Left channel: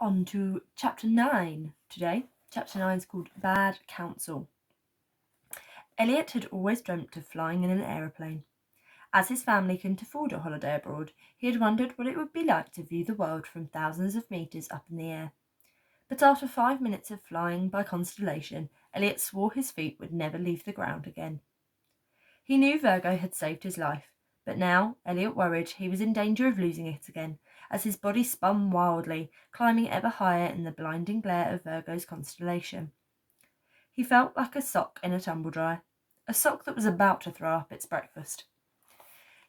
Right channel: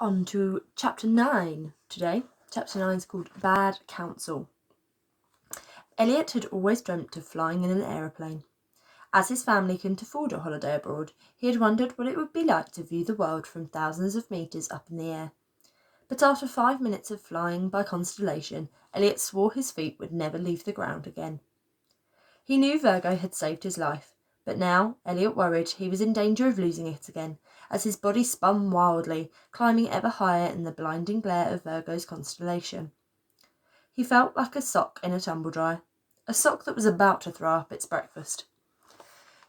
On to Chapter 9 today. Chapter 9 is called Bad Counsel. Elliot had always dreamt of flying in an aeroplane. As his family couldn't afford a holiday abroad, he had wondered what it would be like to view the world from thousands of metres up in the air. But after 5 minutes of flying by Constellation, Elliot swore his feet would never leave the ground again. He knew Virgo had saved his life, but now Elliot worried he was in danger of losing it again, as his body spun wildly, climbing ever higher in the blinding glare of Virgo's constellation. He felt like a sock in a tumble-dryer, a sock that was about to throw up its breakfast.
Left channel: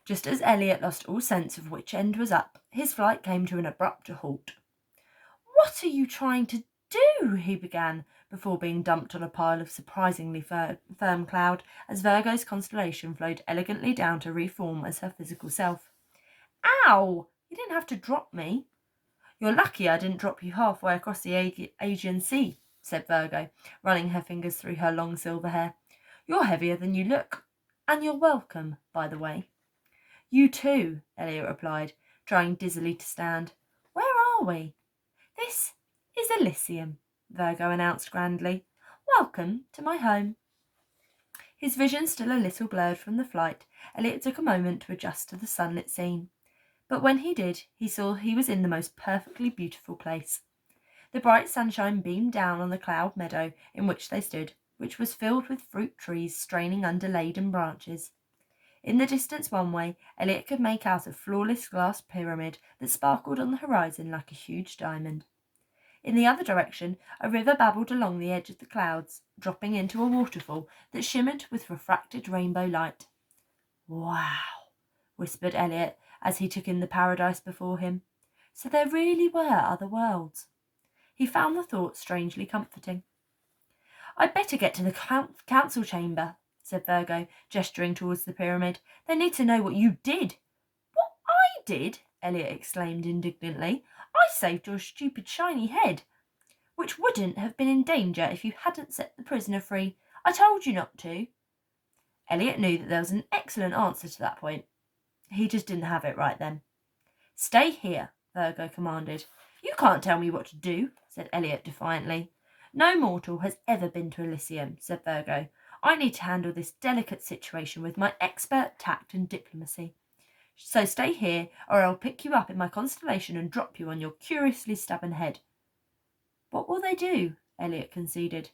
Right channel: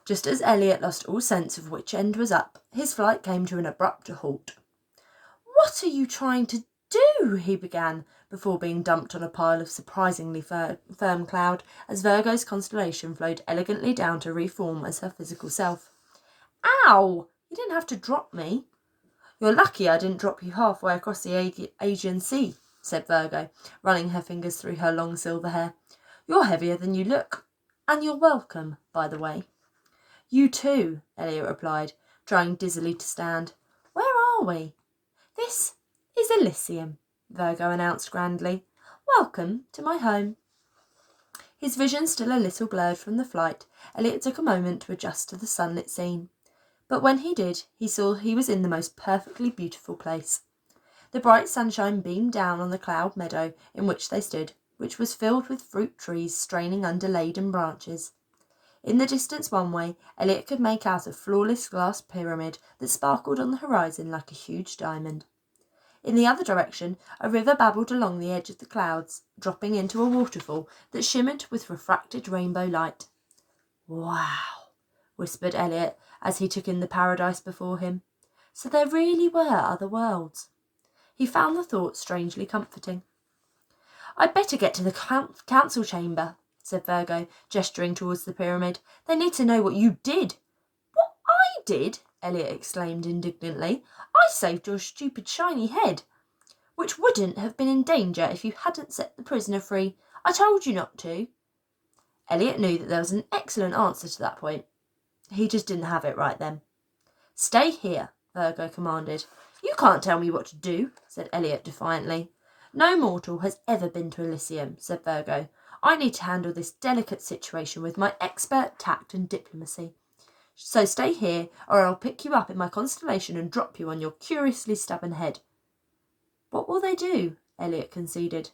Just as Elliot lost all sense of which end was up, his flight came to an abrupt halt. "What are you trying to do?" he began, before being dumped on a pile of surprisingly firm cloud as Virgo's constellation flowed elegantly down to reform as her physical self. "Ow! You didn't have to drop me." "You're lucky I didn't drop you halfway across the Aegean Sea," said Virgo, running her fingers through her long silver hair. "You're heavier than you look. And you're welcome, by the way." "You too," Elliot replied, trying dizzily to stand. "Where are we?" "This is Elysium," Virgo announced grandly. "Welcome to my home." His vision still a little blurred from the flight, Elliot took a moment to adjust to the sunlit scene. But when he did, he saw he was in the most perfectly beautiful place. The bright sunshine beamed down on the cloud meadow in which they stood, which was filled with fruit trees straining under laden branches. In the distance one way, Elliot could make out a flawless glass pyramid that sparkled on the horizon like a huge diamond. In the other direction, a river babbled along the edge of the clouds, dropping into a waterfall that shimmered with refracted rainbow light. "Wow," whispered Elliot as he took in the paradise before him. So there really were other worlds. He found the thought strangely comforting. "I'd better get to the council chamber," said Virgo, gesturing towards the pyramid. "They need to know what you did." "What I did?" Elliot exclaimed indignantly. "I saved your stupid shiny head, which wouldn't have been in danger if you hadn't set the prisoner free. I told you not to." Elliot knew that there was an excellent answer to that point. He just didn't have it right then. "Stay here," Virgo commanded. "You can't tell me what to do," said Elliot defiantly. "No mortal has ever been to Elysium," said Virgo. "I need to handle this delicate situation with my expert tact and diplomacy. So stay here, or I'll pick you up in my constellation and drop you on your curiously stubborn head." "What will they do?" Elliot conceded.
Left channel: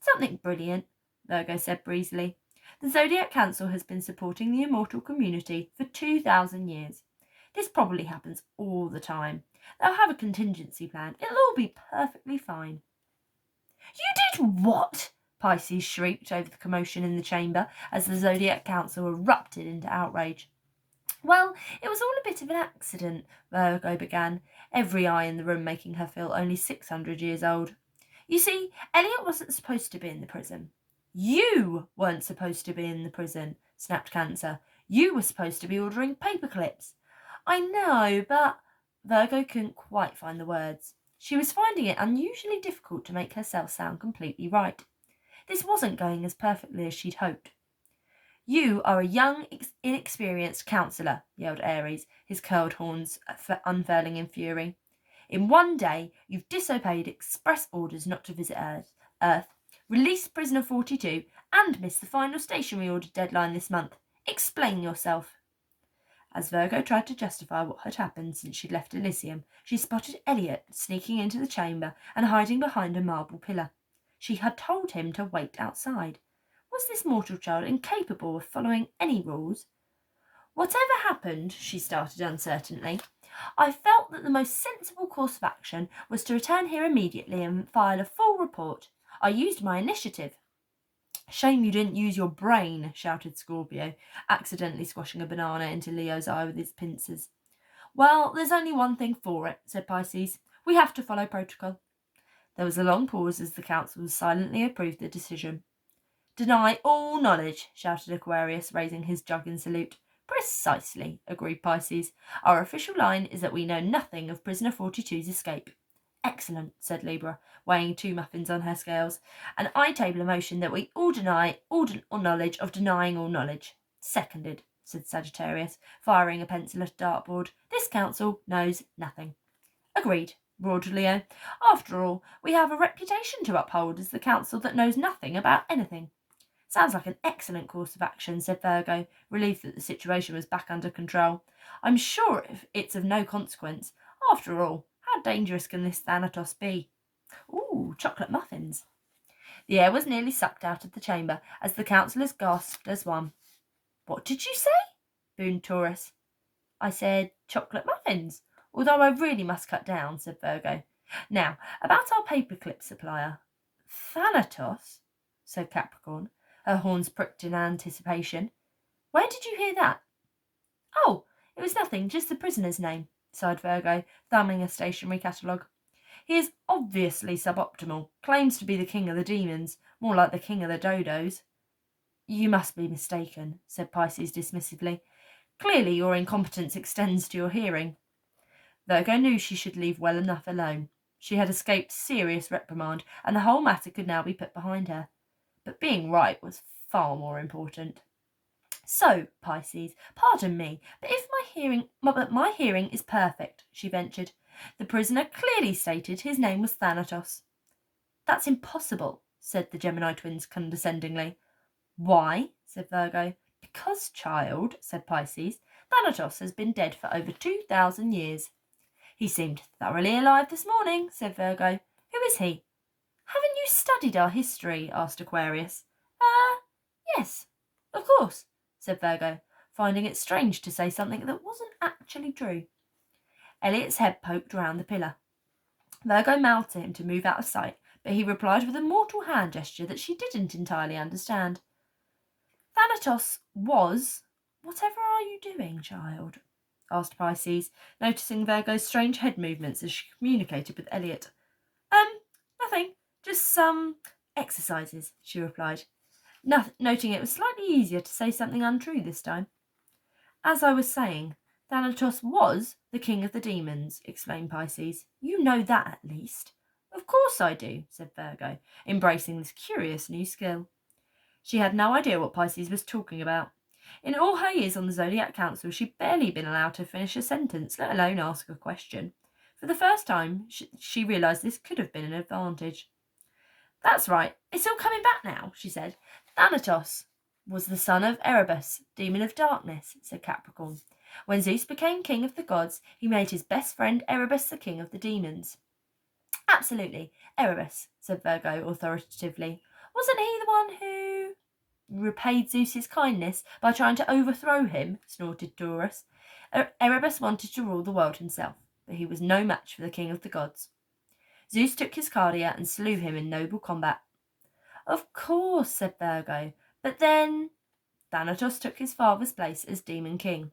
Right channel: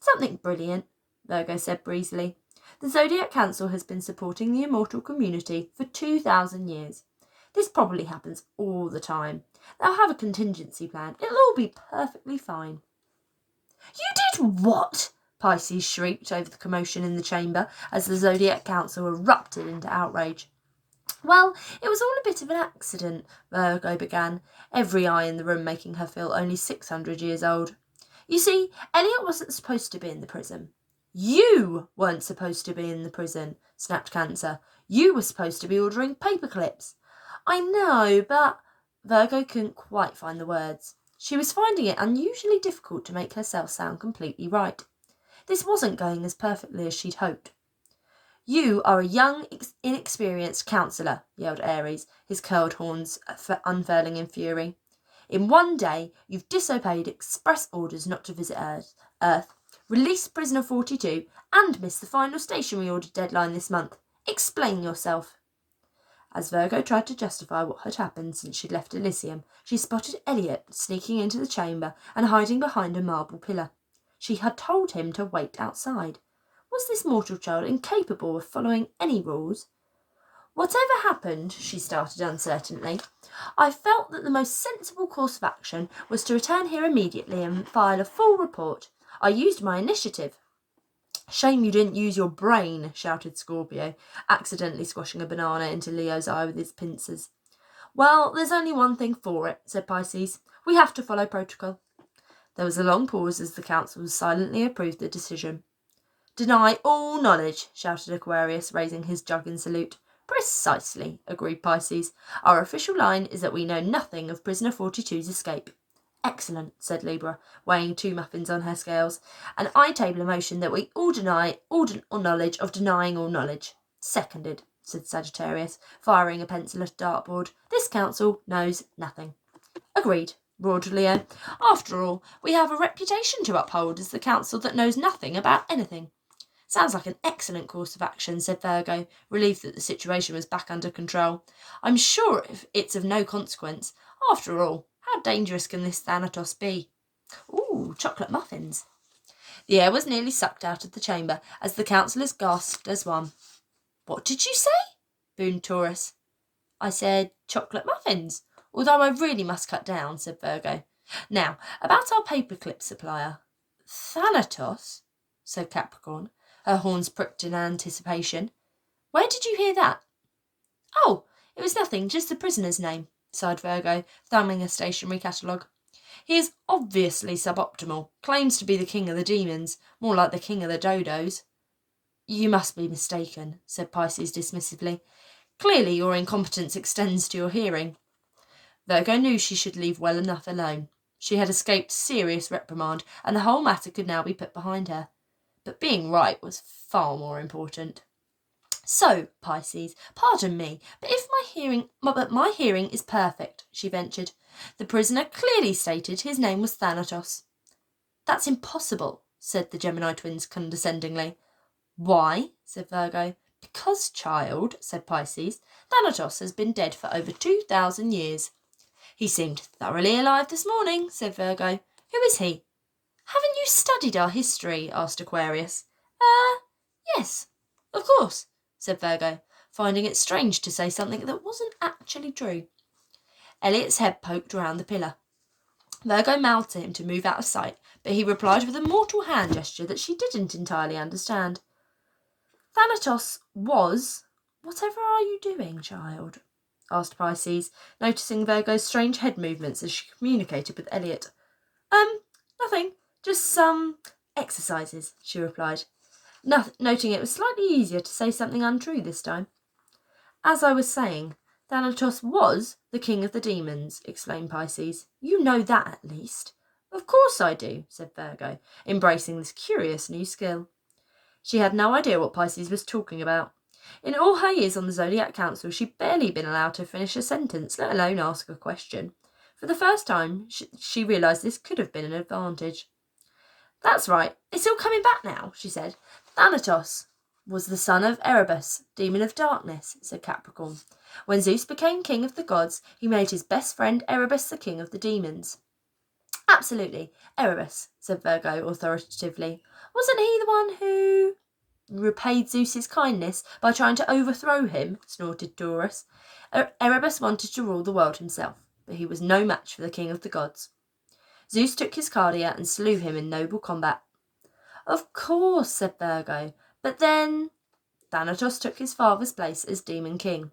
"Something brilliant," Virgo said breezily. "The Zodiac Council has been supporting the immortal community for 2,000 years. This probably happens all the time. They'll have a contingency plan. It'll all be perfectly fine." "You did what?" Pisces shrieked over the commotion in the chamber as the Zodiac Council erupted into outrage. "Well, it was all a bit of an accident," Virgo began, every eye in the room making her feel only 600 years old. "You see, Elliot wasn't supposed to be in the prison." "You weren't supposed to be in the prison," snapped Cancer. "You were supposed to be ordering paper clips." "I know, but—" Virgo couldn't quite find the words. She was finding it unusually difficult to make herself sound completely right. This wasn't going as perfectly as she'd hoped. "You are a young, inexperienced counsellor," yelled Ares, his curled horns unfurling in fury. "In one day, you've disobeyed express orders not to visit Earth, released prisoner 42, and missed the final stationery order deadline this month. Explain yourself." As Virgo tried to justify what had happened since she'd left Elysium, she spotted Elliot sneaking into the chamber and hiding behind a marble pillar. She had told him to wait outside. Was this mortal child incapable of following any rules? "Whatever happened," she started uncertainly, "I felt that the most sensible course of action was to return here immediately and file a full report. I used my initiative." "Shame you didn't use your brain," shouted Scorpio, accidentally squashing a banana into Leo's eye with his pincers. "Well, there's only one thing for it," said Pisces. "We have to follow protocol." There was a long pause as the council silently approved the decision. "Deny all knowledge," shouted Aquarius, raising his jug in salute. "Precisely," agreed Pisces. "Our official line is that we know nothing of prisoner 42's escape." "Excellent," said Libra, weighing 2 muffins on her scales. "And I table a motion that we all deny all knowledge of denying all knowledge." "Seconded," said Sagittarius, firing a pencil at a dartboard. "This council knows nothing." "Agreed," roared Leo. "After all, we have a reputation to uphold as the council that knows nothing about anything." "Sounds like an excellent course of action," said Virgo, relieved that the situation was back under control. "I'm sure it's of no consequence. After all, how dangerous can this Thanatos be?" "Ooh, chocolate muffins." The air was nearly sucked out of the chamber as the councillors gasped as one. "What did you say?" boomed Taurus. "I said chocolate muffins, although I really must cut down," said Virgo. "Now, about our paperclip supplier." "Thanatos?" said Capricorn, her horns pricked in anticipation. "Where did you hear that?" "Oh, it was nothing, just the prisoner's name," sighed Virgo, thumbing a stationery catalogue. "He is obviously suboptimal, claims to be the king of the demons, more like the king of the dodos." "You must be mistaken," said Pisces dismissively. "Clearly your incompetence extends to your hearing." Virgo knew she should leave well enough alone. She had escaped serious reprimand, and the whole matter could now be put behind her. But being right was far more important. "So, Pisces, pardon me, but my hearing is perfect," she ventured. "The prisoner clearly stated his name was Thanatos." "That's impossible," said the Gemini twins condescendingly. "Why?" said Virgo. "Because, child," said Pisces, "Thanatos has been dead for over 2,000 years." "He seemed thoroughly alive this morning," said Virgo. "Who is he?" "Haven't you studied our history?" asked Aquarius. Yes, of course," said Virgo, finding it strange to say something that wasn't actually true. Elliot's head poked round the pillar. Virgo mouthed to him to move out of sight, but he replied with a mortal hand gesture that she didn't entirely understand. "Thanatos was... Whatever are you doing, child?" asked Pisces, noticing Virgo's strange head movements as she communicated with Elliot. Nothing, just some exercises," she replied, noting it was slightly easier to say something untrue this time. "As I was saying, Thanatos was the king of the demons," explained Pisces. "You know that at least." "Of course I do," said Virgo, embracing this curious new skill. She had no idea what Pisces was talking about. In all her years on the Zodiac Council, she'd barely been allowed to finish a sentence, let alone ask a question. For the first time, she realised this could have been an advantage. "That's right, it's all coming back now," she said. "Thanatos was the son of Erebus, demon of darkness," said Capricorn. "When Zeus became king of the gods, he made his best friend Erebus the king of the demons." "Absolutely, Erebus," said Virgo authoritatively. "Wasn't he the one who repaid Zeus's kindness by trying to overthrow him?" snorted Taurus. "Erebus wanted to rule the world himself, but he was no match for the king of the gods. Zeus took his Cardia and slew him in noble combat." "Of course," said Virgo, "but then..." "Thanatos took his father's place as demon king.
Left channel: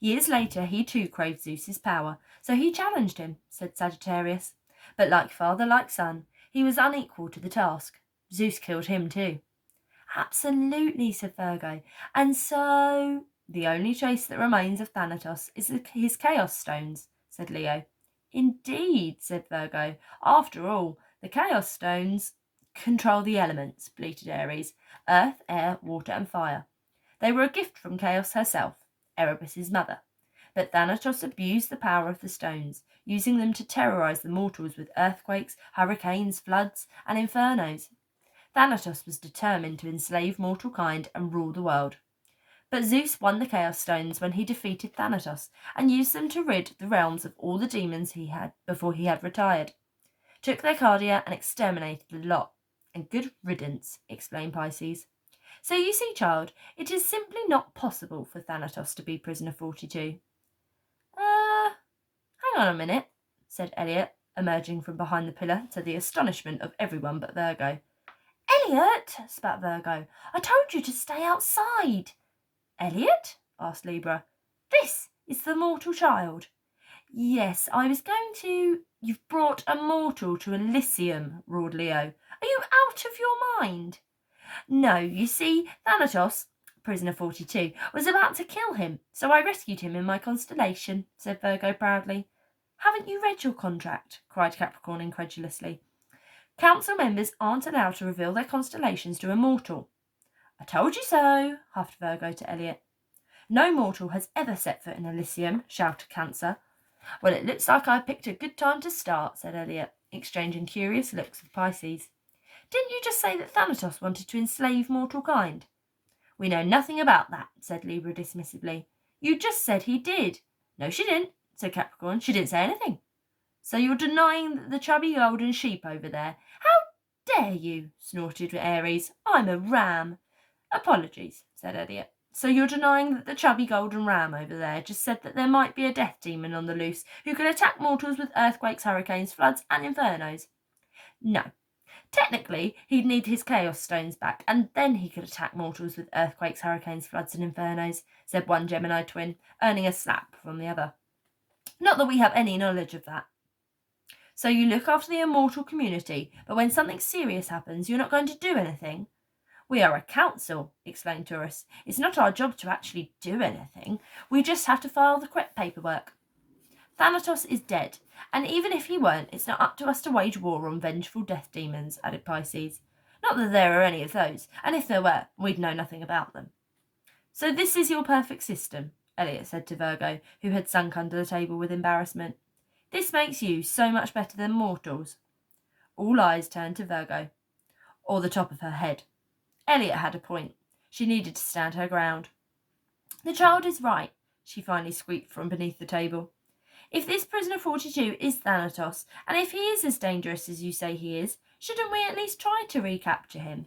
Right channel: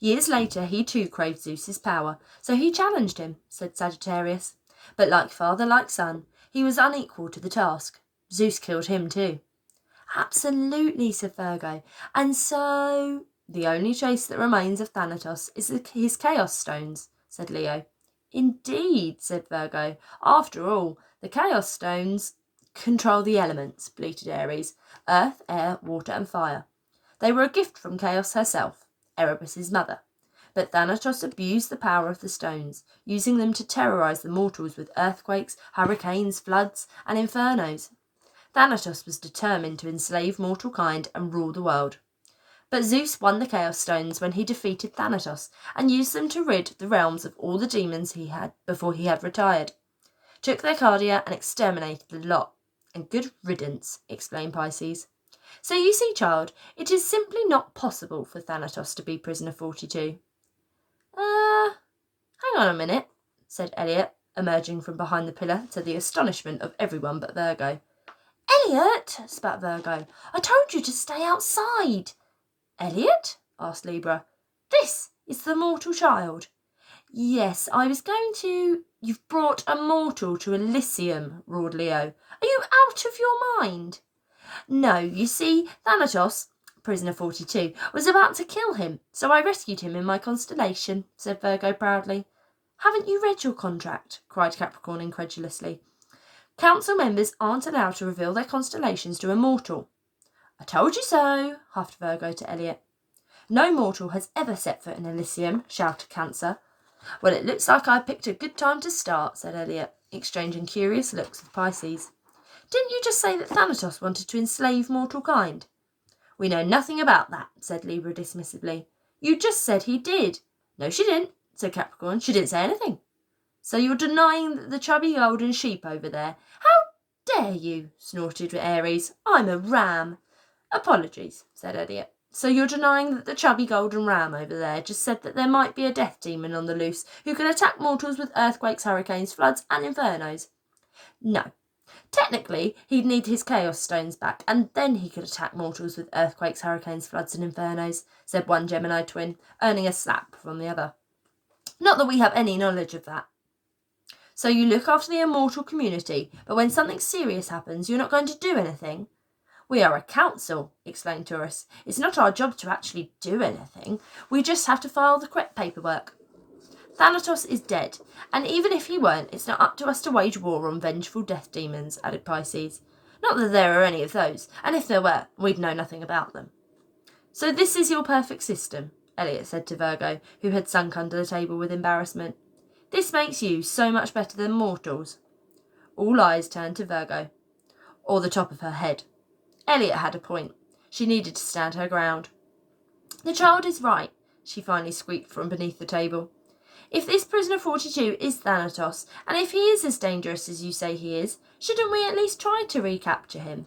Years later he too craved Zeus's power, so he challenged him," said Sagittarius. "But like father, like son, he was unequal to the task. Zeus killed him too." "Absolutely," said Virgo. "And so..." "The only trace that remains of Thanatos is his Chaos Stones," said Leo. "Indeed," said Virgo. "After all, the Chaos Stones control the elements," bleated Aries. "Earth, air, water and fire. They were a gift from Chaos herself, Erebus's mother. But Thanatos abused the power of the stones, using them to terrorize the mortals with earthquakes, hurricanes, floods and infernos. Thanatos was determined to enslave mortal kind and rule the world. But Zeus won the Chaos Stones when he defeated Thanatos and used them to rid the realms of all the demons he had before he had retired. Took their Cardia and exterminated the lot. And good riddance," explained Pisces. "So you see, child, it is simply not possible for Thanatos to be prisoner 42. Hang on a minute," said Elliot, emerging from behind the pillar to the astonishment of everyone but Virgo. "Elliot," spat Virgo, "I told you to stay outside." "Elliot?" asked Libra. "This is the mortal child." "Yes, I was going to..." "You've brought a mortal to Elysium," roared Leo. "Are you out of your mind?" "No, you see, Thanatos, prisoner 42, was about to kill him, so I rescued him in my constellation," said Virgo proudly. "Haven't you read your contract?" cried Capricorn incredulously. "Council members aren't allowed to reveal their constellations to a mortal." "I told you so," huffed Virgo to Elliot. "No mortal has ever set foot in Elysium," shouted Cancer. Well, it looks like I picked a good time to start, said Elliot, exchanging curious looks with Pisces. Didn't you just say that Thanatos wanted to enslave mortal kind? We know nothing about that, said Libra dismissively. You just said he did. No, she didn't, said Capricorn. She didn't say anything. So you're denying that the chubby golden sheep over there? How dare you, snorted Aries. I'm a ram. Apologies, said Elliot. So you're denying that the chubby golden ram over there just said that there might be a death demon on the loose who can attack mortals with earthquakes, hurricanes, floods, and infernos? No. Technically, he'd need his chaos stones back, and then he could attack mortals with earthquakes, hurricanes, floods, and infernos, said one Gemini twin, earning a slap from the other. Not that we have any knowledge of that. So you look after the immortal community, but when something serious happens, you're not going to do anything? We are a council, explained Taurus. It's not our job to actually do anything. We just have to file the correct paperwork. Thanatos is dead, and even if he weren't, it's not up to us to wage war on vengeful death demons, added Pisces. Not that there are any of those, and if there were, we'd know nothing about them. So this is your perfect system, Elliot said to Virgo, who had sunk under the table with embarrassment. This makes you so much better than mortals. All eyes turned to Virgo, or the top of her head. Elliot had a point. She needed to stand her ground. The child is right, she finally squeaked from beneath the table. If this prisoner 42 is Thanatos, and if he is as dangerous as you say he is, shouldn't we at least try to recapture him?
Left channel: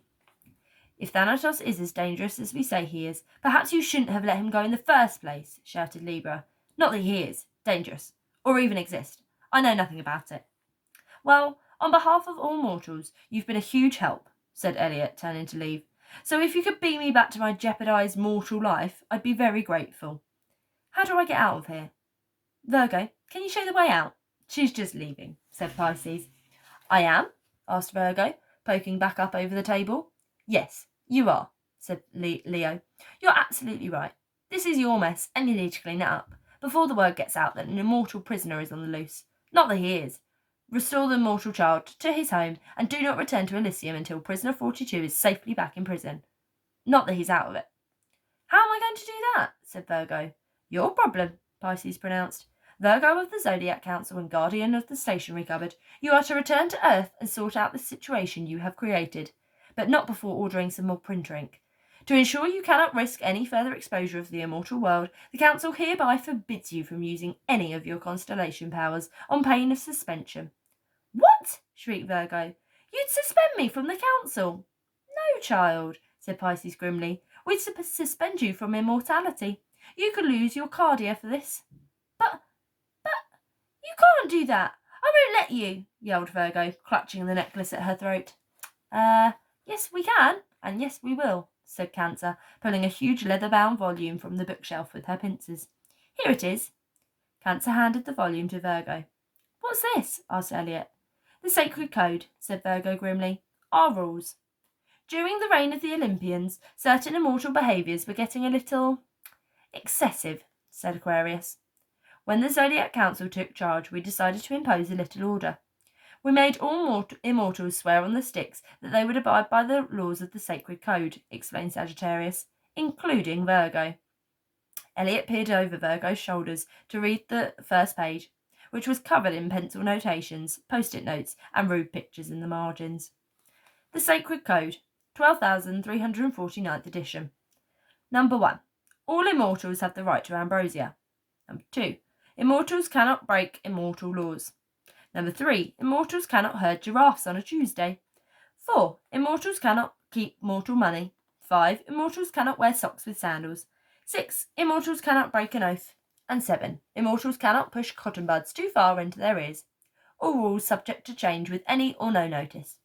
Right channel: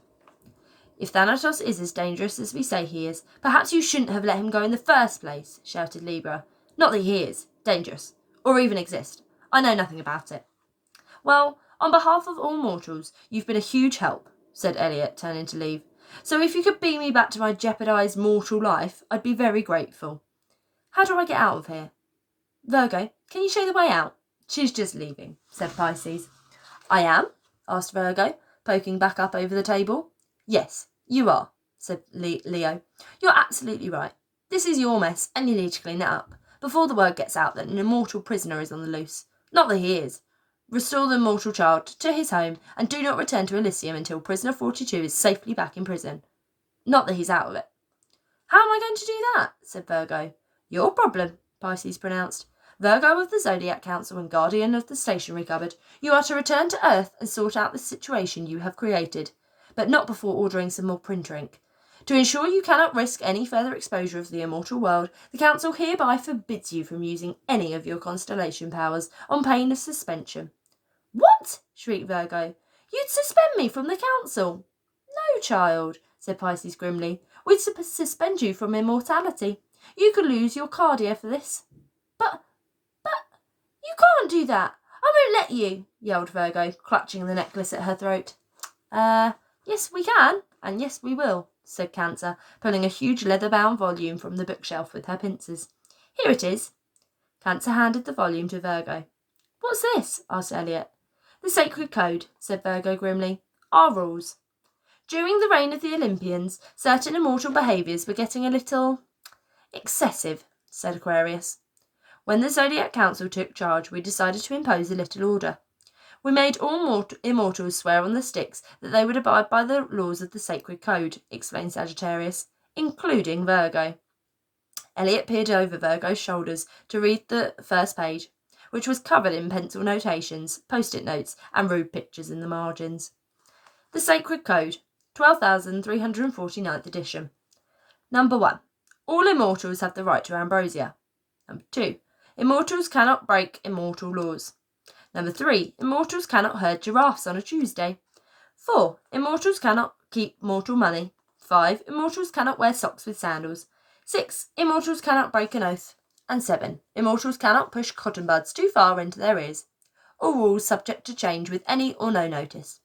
If Thanatos is as dangerous as we say he is, perhaps you shouldn't have let him go in the first place, shouted Libra. Not that he is dangerous, or even exist. I know nothing about it. Well, on behalf of all mortals, you've been a huge help, said Elliot, turning to leave. So if you could beam me back to my jeopardised mortal life, I'd be very grateful. How do I get out of here? Virgo, can you show the way out? She's just leaving, said Pisces. I am? Asked Virgo, poking back up over the table. Yes, you are, said Leo. You're absolutely right. This is your mess, and you need to clean it up, before the word gets out that an immortal prisoner is on the loose. Not that he is. Restore the mortal child to his home, and do not return to Elysium until prisoner 42 is safely back in prison. Not that he's out of it. How am I going to do that? Said Virgo. Your problem, Pisces pronounced. Virgo of the Zodiac Council and guardian of the stationery cupboard, you are to return to Earth and sort out the situation you have created, but not before ordering some more printer ink. To ensure you cannot risk any further exposure of the immortal world, the Council hereby forbids you from using any of your constellation powers on pain of suspension. What? Shrieked Virgo. You'd suspend me from the Council? No, child, said Pisces grimly. We'd suspend you from immortality. You could lose your cardia for this. But you can't do that. I won't let you, yelled Virgo, clutching the necklace at her throat. Yes we can, and yes we will, said Cancer, pulling a huge leather-bound volume from the bookshelf with her pincers. Here it is. Cancer handed the volume to Virgo. What's this? Asked Elliot. The Sacred Code, said Virgo grimly. Our rules. During the reign of the Olympians, certain immortal behaviours were getting a little excessive, said Aquarius. When the Zodiac Council took charge, we decided to impose a little order. We made all immortals swear on the sticks that they would abide by the laws of the Sacred Code, explained Sagittarius, including Virgo. Elliot peered over Virgo's shoulders to read the first page, which was covered in pencil notations, post-it notes, and rude pictures in the margins. The Sacred Code, 12,349th edition. Number 1. All immortals have the right to ambrosia. Number 2. Immortals cannot break immortal laws. Number 3. Immortals cannot herd giraffes on a Tuesday. 4. Immortals cannot keep mortal money. 5. Immortals cannot wear socks with sandals. 6. Immortals cannot break an oath. And 7. Immortals cannot push cotton buds too far into their ears. All rules subject to change with any or no notice.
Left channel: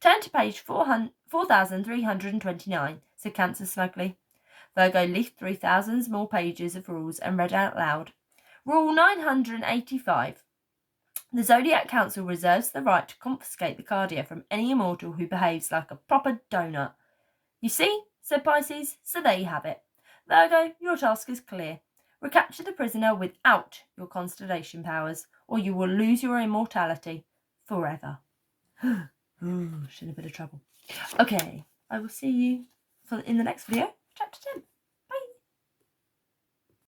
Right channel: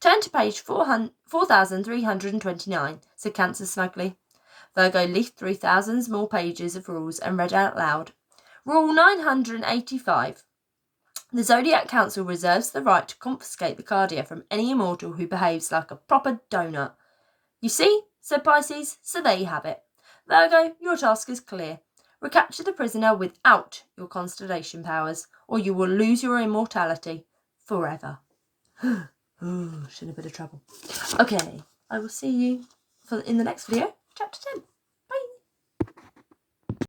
Turn to page 4,329, said Cancer smugly. Virgo leafed through thousands more pages of rules and read out loud. Rule 985. The Zodiac Council reserves the right to confiscate the cardia from any immortal who behaves like a proper donut. You see, said Pisces, so there you have it. Virgo, your task is clear. Recapture the prisoner without your constellation powers, or you will lose your immortality forever. Ooh, she's in a bit of trouble. Okay, I will see you in the next video, chapter 10.